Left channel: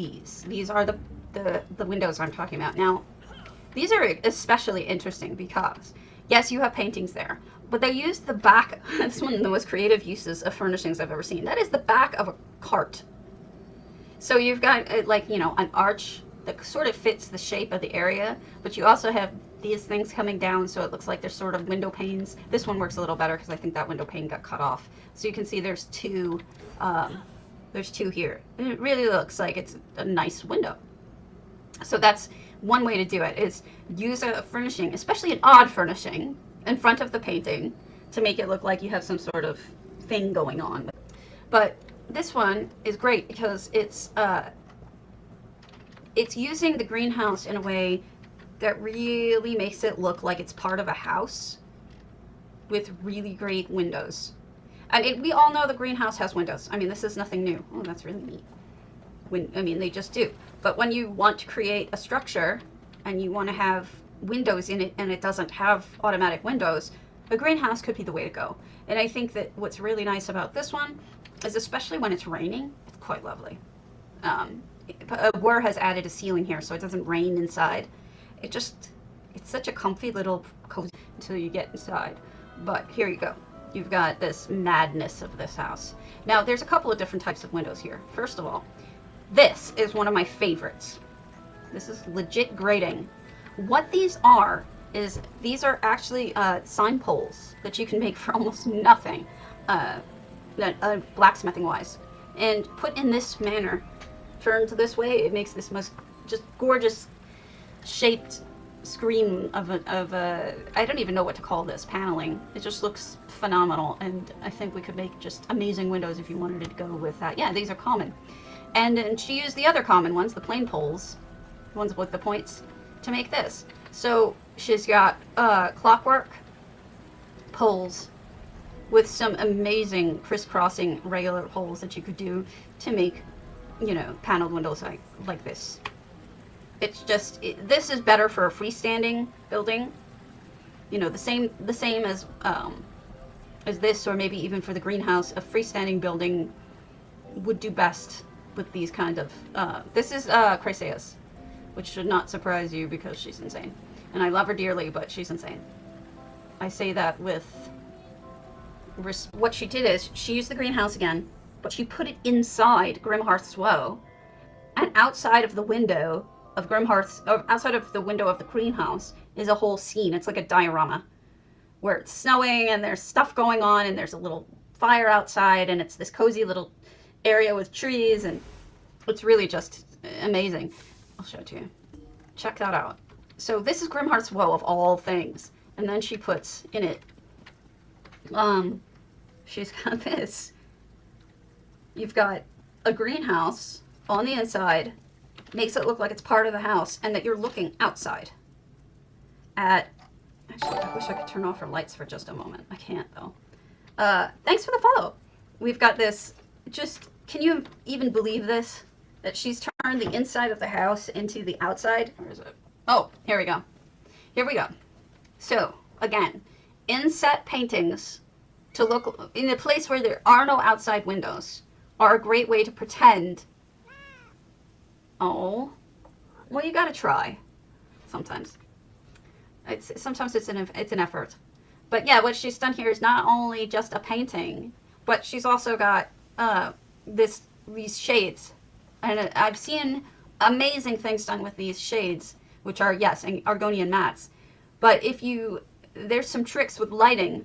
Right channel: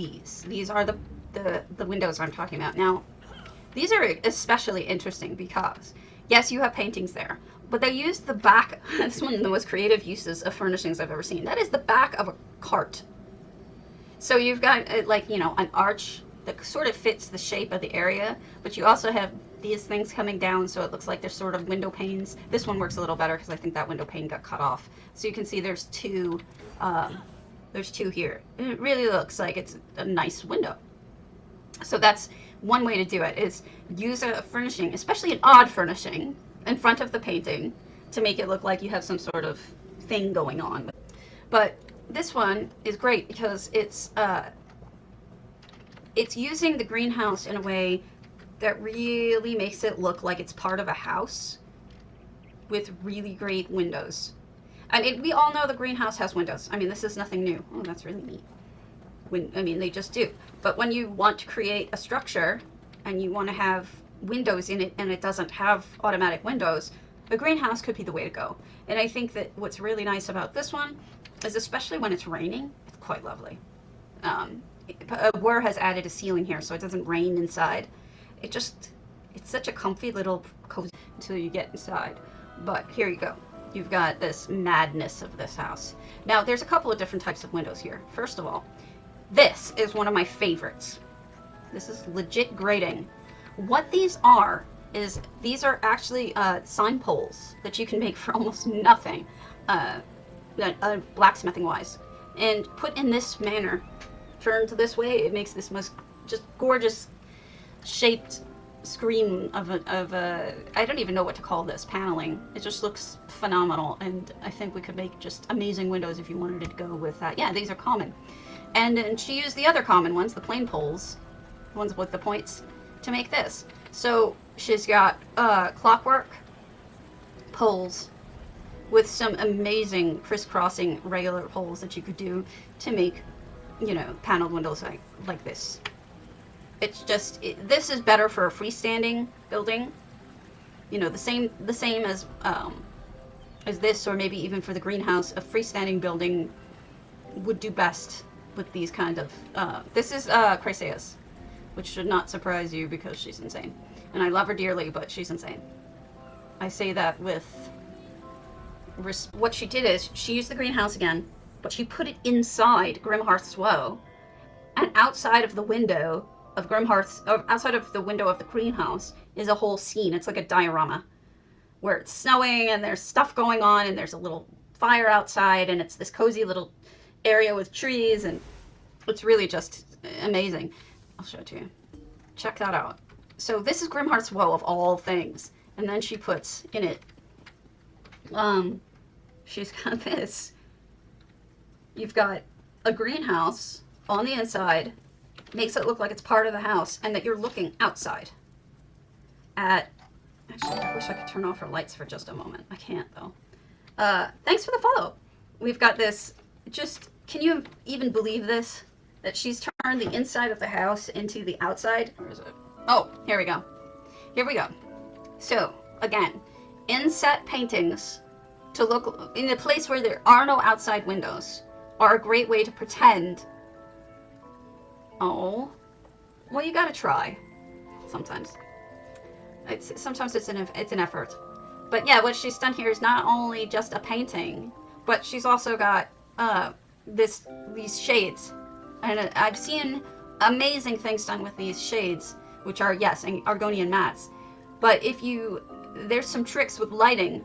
these. These are the windows I'm talking about. Now, these are especially interesting because, yes, you have paintings there, but they use the back. That's one of the most creative uses of furnishings I've ever seen. That is the back of a cart. So you've got like, you know, an arch that sort of fits the shape of the area, but you also have these things coming down, so it looks like they're sort of window panes. This one works a little better because I think that window pane got cut off. So you can see there's two here. And it really looks like it's a nice window. So that's one way to do it, is use a furnishing, especially an odd furnishing, in front of the painting to make it look like you have some sort of thing going on. But this one is great because it's using the greenhouse in a way that really makes it look like it's part of a house with really great windows. I mean, we all know the greenhouse has windows. I mean, this is nothing new. Oh, that's really neat. I mean, they just do. But when you want to create a structure and you want to have windows in it and it doesn't have automatic windows, the greenhouse could be the way to go. And I think that what's really nice about this one is, especially when it's raining, it's quite lovely. Ware has added a ceiling here so it doesn't rain inside. It's such a comfy little cozy till you get inside. But here you go. You've got this madness of this house. Now, there's a couple of different types of windows here. First of all, this is one of my favorites. This is legit grating. What these are is these are actually sign poles that you can make for almost nothing, blacksmithing wise, and put in this manner, turned this way, it makes this most just gorgeous shaped screen of a I don't even know what to call this paneling. It just looks phenomenal, and I think we could make just amazing windows if you wanted to go with that. Yeah, these are common. And then she used the other common ones, the plain poles, ones with the points, to make this. So she's got clockwork poles with some amazing crisscrossing regular poles that you could do to make, you know, paneled windows like this. It's just, this is better for a freestanding building, you know, the same as this, or maybe even for the greenhouse. A freestanding building would do best with these kind of, this is Chryseis, which should not surprise you because she's insane. And I love her dearly, but she's insane. I say that with, what she did is, she used the greenhouse again, but she put it inside Grimhearth's Woe, and outside of the window of outside of the window of the greenhouse is a whole scene. It's like a diorama where it's snowing and there's stuff going on and there's a little fire outside and it's this cozy little area with trees, and it's really just amazing. I'll show it to you. Check that out. So this is Grimhearth's Woe of all things, and then she puts in it, she's got this. You've got a greenhouse on the inside, makes it look like it's part of the house and that you're looking outside at, actually I wish I could turn off her lights for just a moment. I can't though. Thanks for the follow. We've got this, just, can you even believe this? That she's turned the inside of the house into the outside? Where is it? Oh, here we go. Here we go. So, again, inset paintings to look in a place where there are no outside windows are a great way to pretend. Oh, well, you gotta try. Sometimes. Sometimes it's an effort. But yeah, what she's done here is not only just a painting, but she's also got these shades. And I've seen amazing things done with these shades, which are, yes, Argonian mats. But there's some tricks with lighting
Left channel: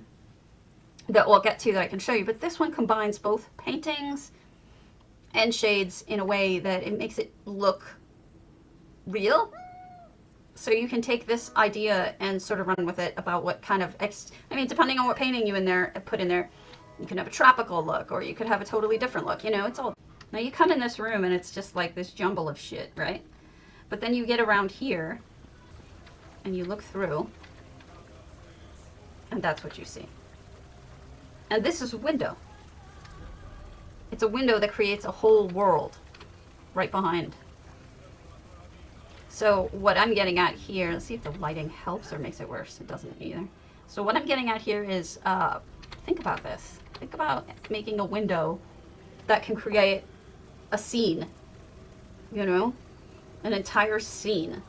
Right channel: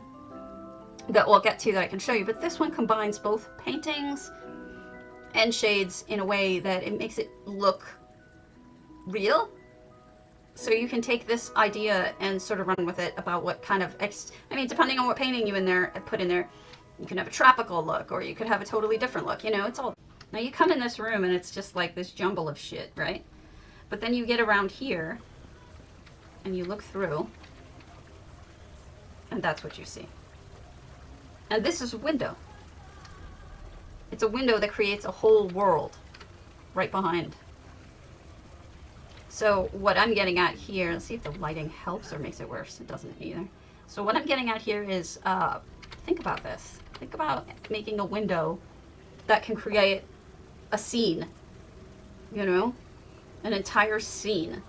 that we'll get to that I can show you. But this one combines both paintings and shades in a way that it makes it look real. So you can take this idea and sort of run with it about what kind of, depending on what painting you put in there, you can have a tropical look, or you could have a totally different look. You know, it's all. Now you come in this room and it's just like this jumble of shit, right? But then you get around here and you look through, and that's what you see. And this is a window. It's a window that creates a whole world right behind. So what I'm getting at here, let's see if the lighting helps or makes it worse. It doesn't either. So what I'm getting at here is, think about this. Think about making a window that can create a scene you know, an entire scene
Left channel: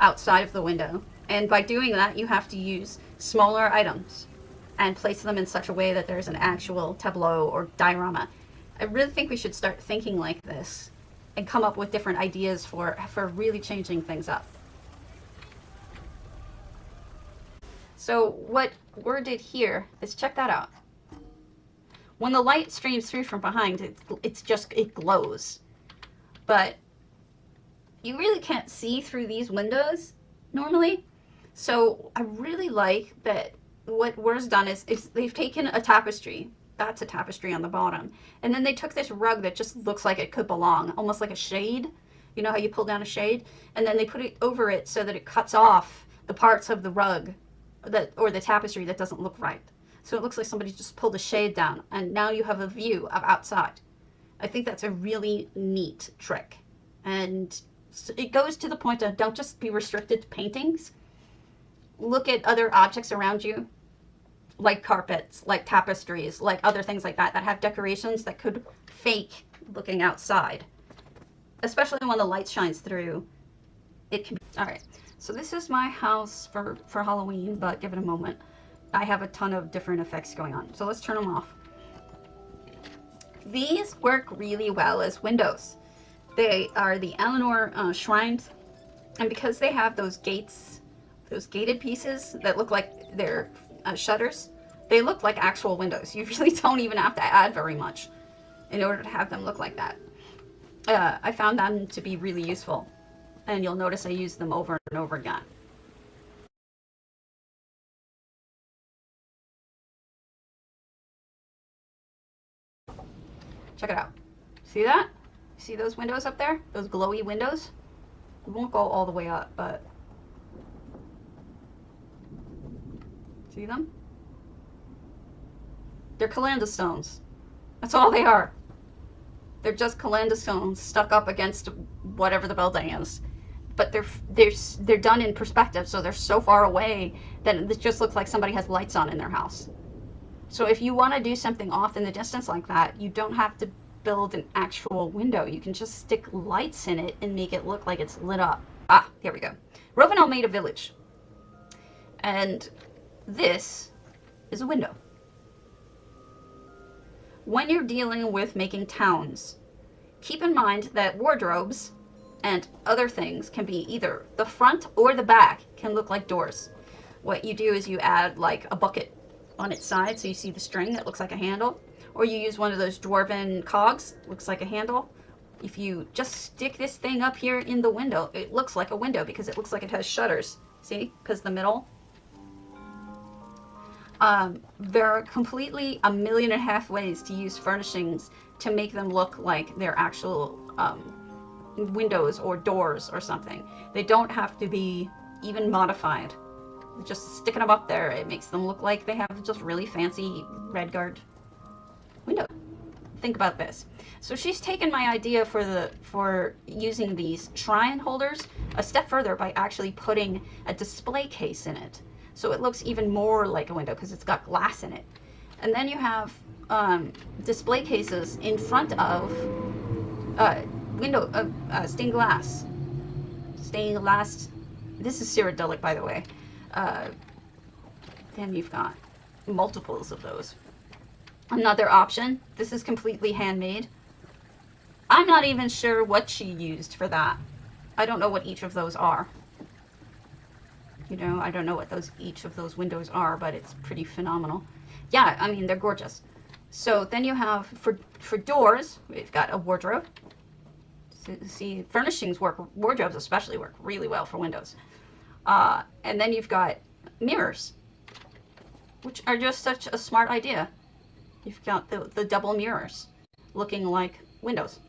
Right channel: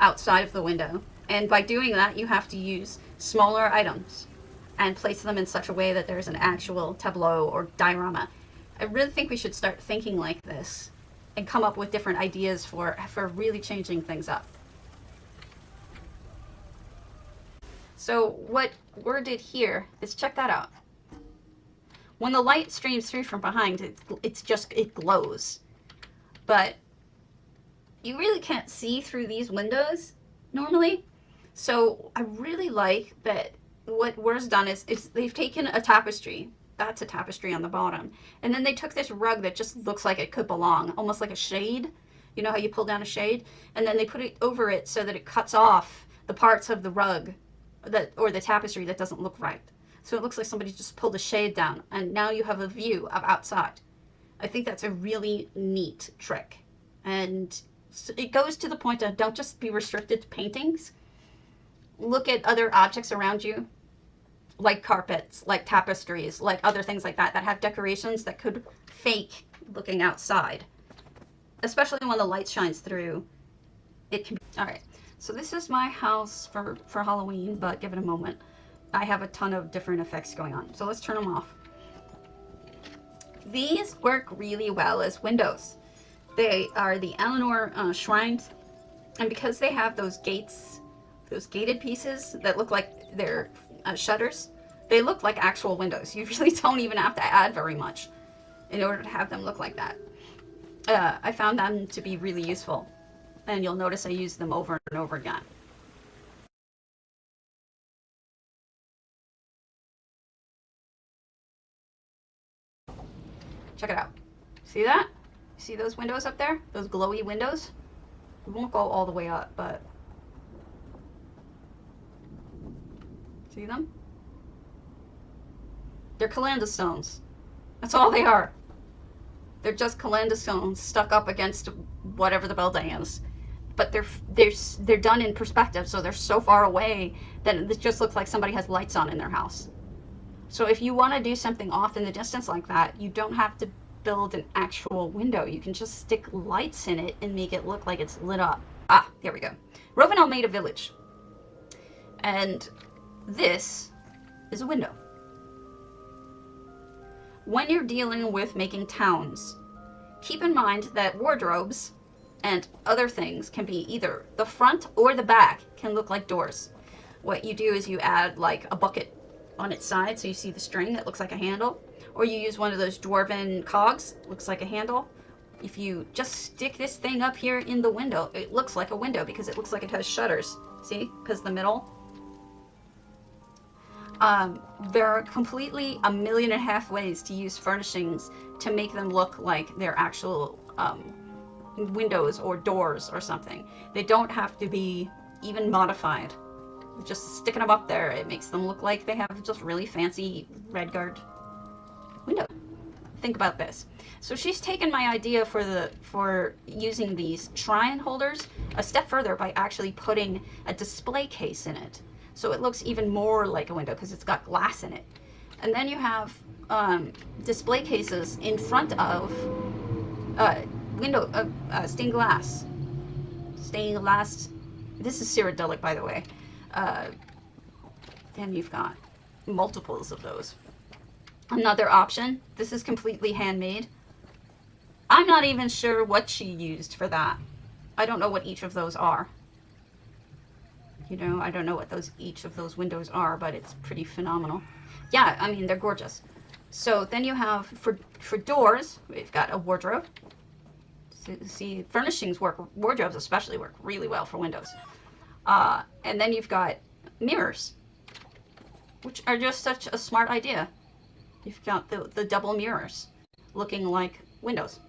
outside of the window. And by doing that, you have to use smaller items and place them in such a way that there's an actual tableau or diorama. I really think we should start thinking like this and come up with different ideas for really changing things up. So what Word did here is, check that out. When the light streams through from behind, it glows. But you really can't see through these windows normally. So I really like that what Word's done is they've taken a tapestry. That's a tapestry on the bottom. And then they took this rug that just looks like it could belong, almost like a shade. You know how you pull down a shade? And then they put it over it so that it cuts off the parts of the rug or the tapestry that doesn't look right. So it looks like somebody just pulled the shade down, and now you have a view of outside. I think that's a really neat trick. And it goes to the point of, don't just be restricted to paintings. Look at other objects around you, like carpets, like tapestries, like other things like that have decorations that could fake looking outside. Especially when the light shines through. It can. All right. So this is my house for Halloween, but give it a moment. I have a ton of different effects going on. So let's turn them off. These work really well as windows. They are the Eleanor shrines, and because they have those gates, those gated pieces that look like they're shutters, they look like actual windows. You really don't even have to add very much in order to have them look like that. I found them to be really useful, and you'll notice I use them over and over again. Check it out. See that? See those windows up there? Those glowy windows? It won't go all the way up, but see them? They're calendar stones. That's all they are. They're just calendar stones stuck up against whatever the building is. But they're done in perspective, so they're so far away that it just looks like somebody has lights on in their house. So if you want to do something off in the distance like that, you don't have to build an actual window. You can just stick lights in it and make it look like it's lit up. Ah, there we go. Roganel made a village. And this is a window. When you're dealing with making towns, keep in mind that wardrobes and other things can be either the front or the back can look like doors. What you do is you add like a bucket on its side so you see the string that looks like a handle, or you use one of those dwarven cogs, looks like a handle. If you just stick this thing up here in the window, it looks like a window because it looks like it has shutters. See, because the middle. There are completely 1.5 million ways to use furnishings to make them look like they're actual windows or doors or something. They don't have to be even modified. Just sticking them up there, it makes them look like they have just really fancy red guard window. Think about this. So she's taken my idea for using these shrine holders a step further by actually putting a display case in it. So it looks even more like a window because it's got glass in it. And then you have display cases in front of stained glass. Stained glass. This is Cyrodiilic, by the way. Then you've got multiples of those. Another option, this is completely handmade. I'm not even sure what she used for that. I don't know what each of those are. You know, I don't know what each of those windows are, but it's pretty phenomenal. Yeah, I mean, they're gorgeous. So then you have, for doors, we've got a wardrobe. So, see, wardrobes especially work really well for windows. And then you've got mirrors, which are just such a smart idea. You've got the double mirrors looking like windows.